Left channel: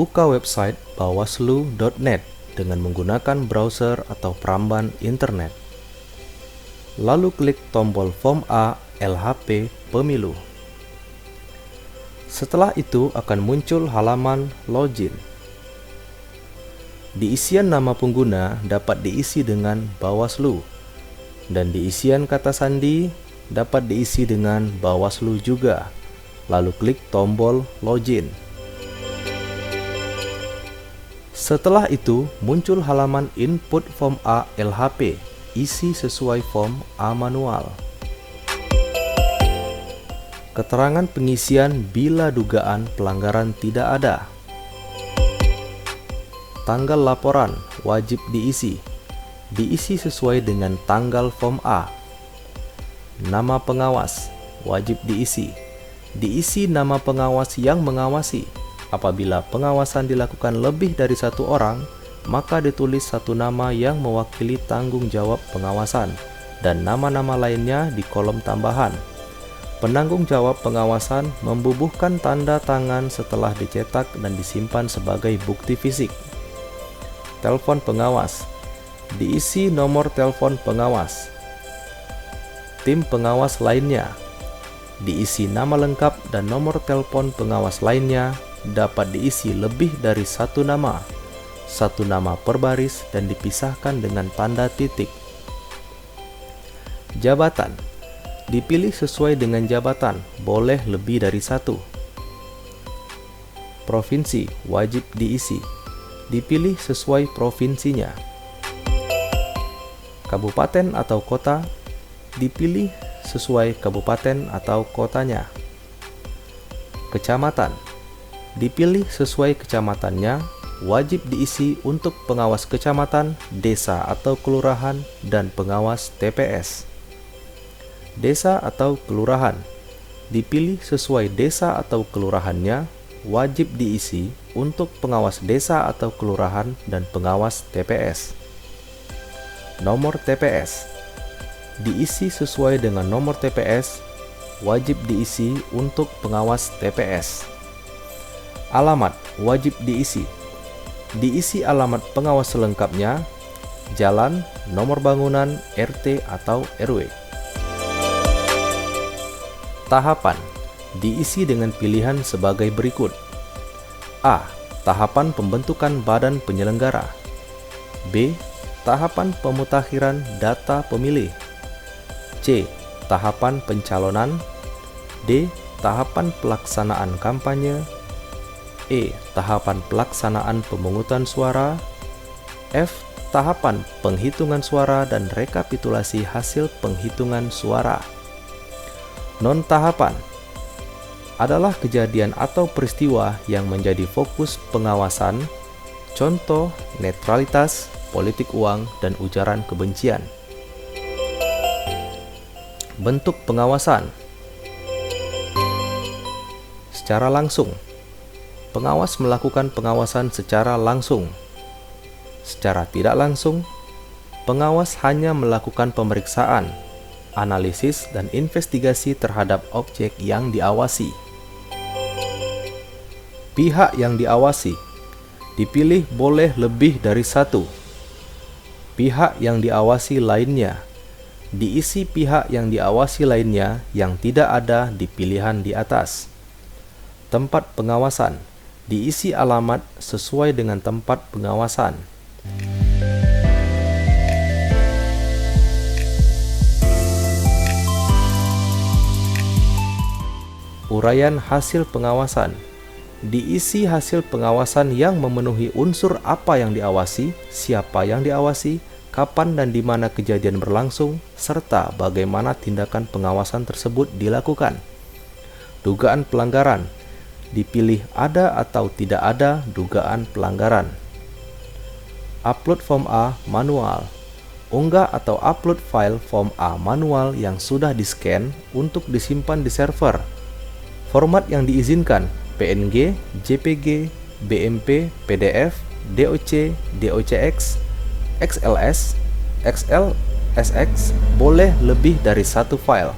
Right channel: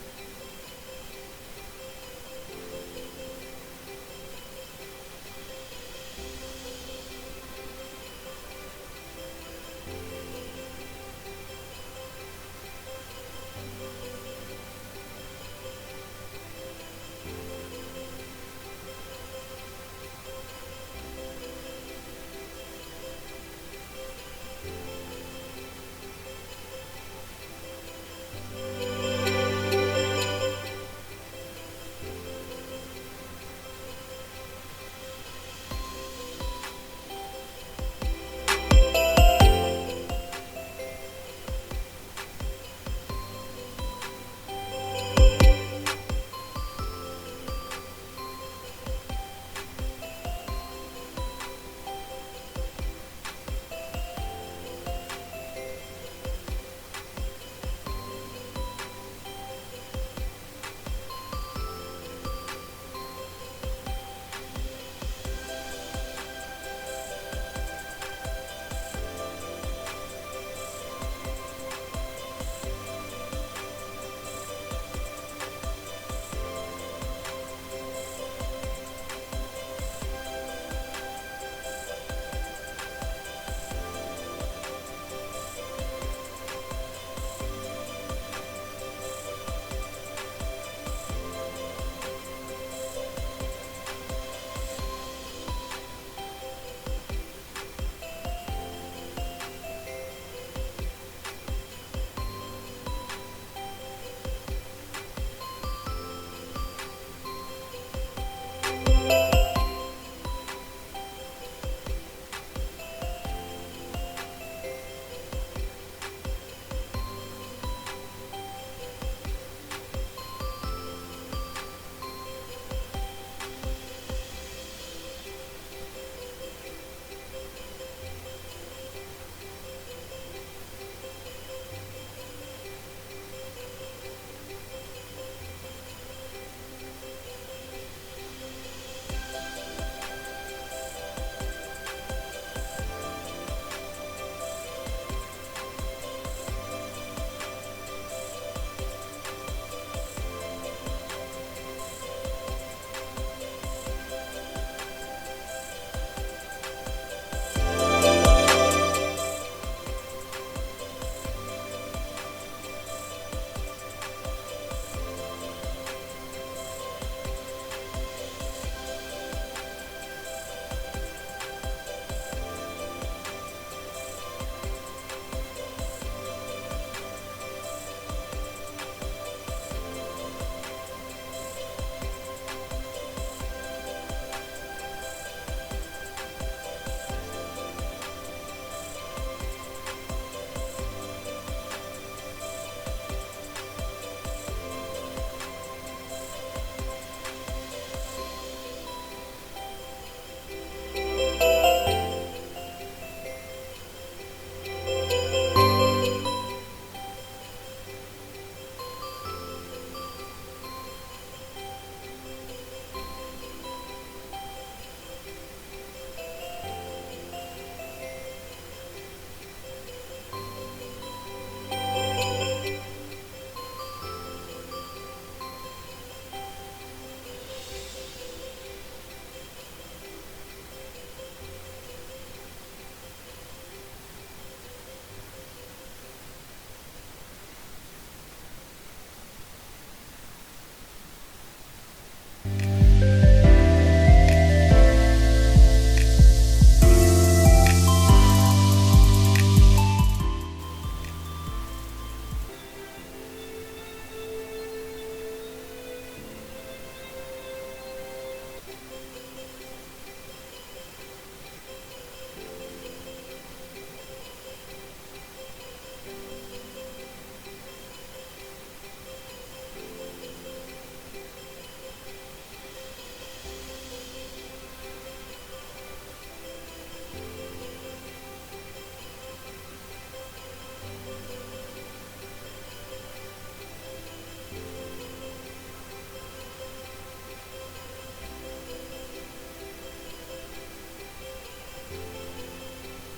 buka website bawaslu.net dengan menggunakan browser atau peramban internet. Lalu klik tombol Form A LHP Pemilu. Setelah itu akan muncul halaman login. Di isian nama pengguna dapat diisi dengan Bawaslu, dan di isian kata sandi dapat diisi dengan Bawaslu juga. Lalu klik tombol login. Setelah itu muncul halaman input Form A LHP, isi sesuai Form A manual. Keterangan pengisian bila dugaan pelanggaran tidak ada. Tanggal laporan wajib diisi sesuai dengan tanggal Form A. Nama pengawas wajib diisi nama pengawas yang mengawasi. Apabila pengawasan dilakukan lebih dari satu orang, maka ditulis satu nama yang mewakili tanggung jawab pengawasan dan nama-nama lainnya di kolom tambahan. Penanggung jawab pengawasan membubuhkan tanda tangan setelah dicetak dan disimpan sebagai bukti fisik. Telepon pengawas diisi nomor telepon pengawas. Tim pengawas lainnya diisi nama lengkap dan nomor telepon pengawas lainnya. Dapat diisi lebih dari satu nama per baris dan dipisahkan dengan tanda titik. Jabatan dipilih sesuai dengan jabatan, boleh lebih dari satu. Provinsi wajib diisi, dipilih sesuai provinsinya. Kabupaten atau kota dipilih sesuai kabupaten atau kotanya. Kecamatan dipilih sesuai kecamatannya, wajib diisi untuk pengawas kecamatan, desa atau kelurahan, dan pengawas TPS. Desa atau kelurahan dipilih sesuai desa atau kelurahannya, wajib diisi untuk pengawas desa atau kelurahan dan pengawas TPS. Nomor TPS diisi sesuai dengan nomor TPS, wajib diisi untuk pengawas TPS. Alamat wajib diisi alamat pengawas selengkapnya, jalan, nomor bangunan, RT atau RW. Tahapan diisi dengan pilihan sebagai berikut. A. Tahapan pembentukan badan penyelenggara. B. Tahapan pemutakhiran data pemilih. C. Tahapan pencalonan. D. Tahapan pelaksanaan kampanye. E. Tahapan pelaksanaan pemungutan suara. F. Tahapan penghitungan suara dan rekapitulasi hasil penghitungan suara. Non-tahapan adalah kejadian atau peristiwa yang menjadi fokus pengawasan, contoh netralitas, politik uang, dan ujaran kebencian. Bentuk pengawasan secara langsung. Pengawas melakukan pengawasan secara langsung. Secara tidak langsung, pengawas hanya melakukan pemeriksaan, analisis, dan investigasi terhadap objek yang diawasi. Pihak yang diawasi dipilih boleh lebih dari satu. Pihak yang diawasi lainnya diisi pihak yang diawasi lainnya yang tidak ada di pilihan di atas. Tempat pengawasan diisi alamat sesuai dengan tempat pengawasan. Uraian hasil pengawasan diisi hasil pengawasan yang memenuhi unsur apa yang diawasi, siapa yang diawasi, kapan dan di mana kejadian berlangsung, serta bagaimana tindakan pengawasan tersebut dilakukan. Dugaan pelanggaran dipilih ada atau tidak ada dugaan pelanggaran. Upload Form A manual. Unggah atau upload file Form A manual yang sudah di-scan untuk disimpan di server. Format yang diizinkan: PNG, JPG, BMP, PDF, DOC, DOCX, XLS, XLSX, boleh lebih dari satu file.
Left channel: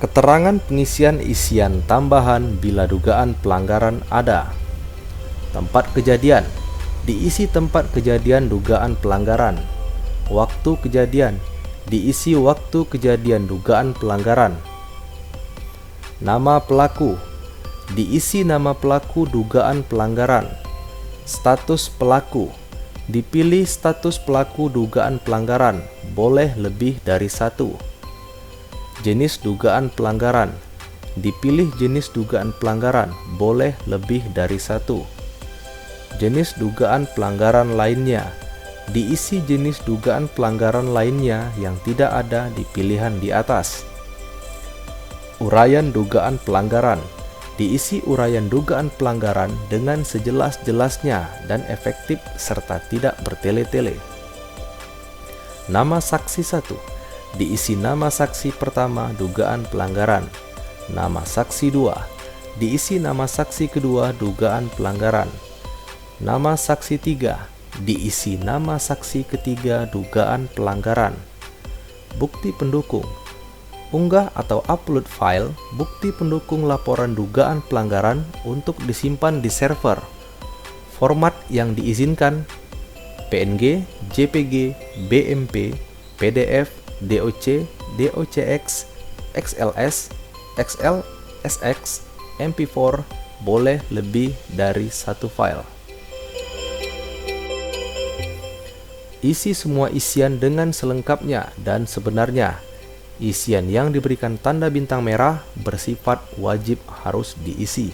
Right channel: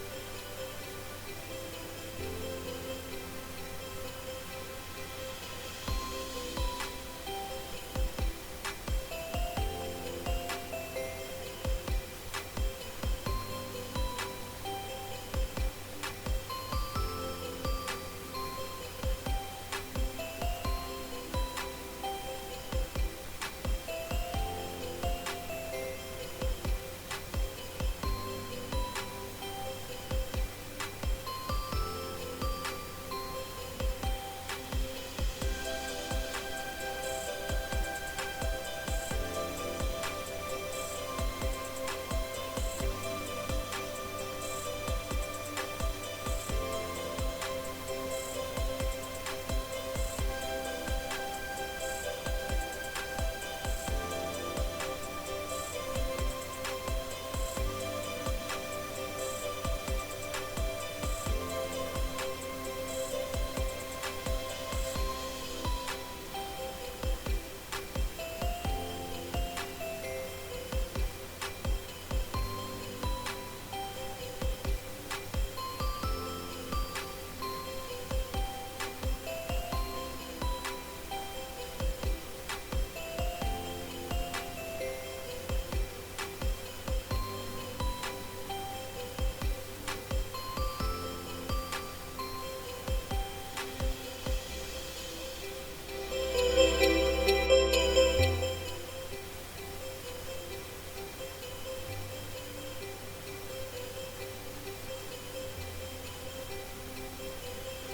Keterangan pengisian isian tambahan bila dugaan pelanggaran ada. Tempat kejadian, diisi tempat kejadian dugaan pelanggaran. Waktu kejadian, diisi waktu kejadian dugaan pelanggaran. Nama pelaku, diisi nama pelaku dugaan pelanggaran. Status pelaku, dipilih status pelaku dugaan pelanggaran, boleh lebih dari satu. Jenis dugaan pelanggaran, dipilih jenis dugaan pelanggaran, boleh lebih dari satu. Jenis dugaan pelanggaran lainnya, diisi jenis dugaan pelanggaran lainnya yang tidak ada di pilihan di atas. Uraian dugaan pelanggaran, diisi uraian dugaan pelanggaran dengan sejelas-jelasnya dan efektif serta tidak bertele-tele. Nama saksi 1, diisi nama saksi pertama dugaan pelanggaran. Nama saksi 2, diisi nama saksi kedua dugaan pelanggaran. Nama saksi 3, diisi nama saksi ketiga dugaan pelanggaran. Bukti pendukung, unggah atau upload file bukti pendukung laporan dugaan pelanggaran untuk disimpan di server. Format yang diizinkan: PNG, JPG, BMP, PDF, DOC, DOCX, XLS, XLSX, MP4, boleh lebih dari satu file. Isi semua isian dengan selengkapnya dan sebenarnya. Isian yang diberikan tanda bintang merah bersifat wajib harus diisi.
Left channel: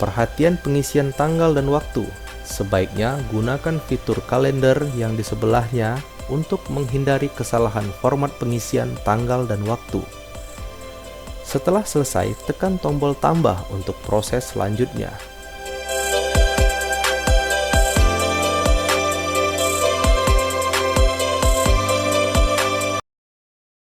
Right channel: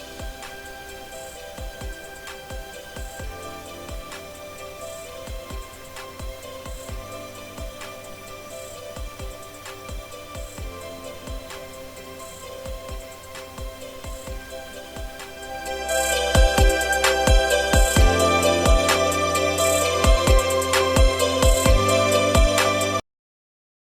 Perhatian pengisian tanggal dan waktu. Sebaiknya gunakan fitur kalender yang di sebelahnya untuk menghindari kesalahan format pengisian tanggal dan waktu. Setelah selesai, tekan tombol tambah untuk proses selanjutnya.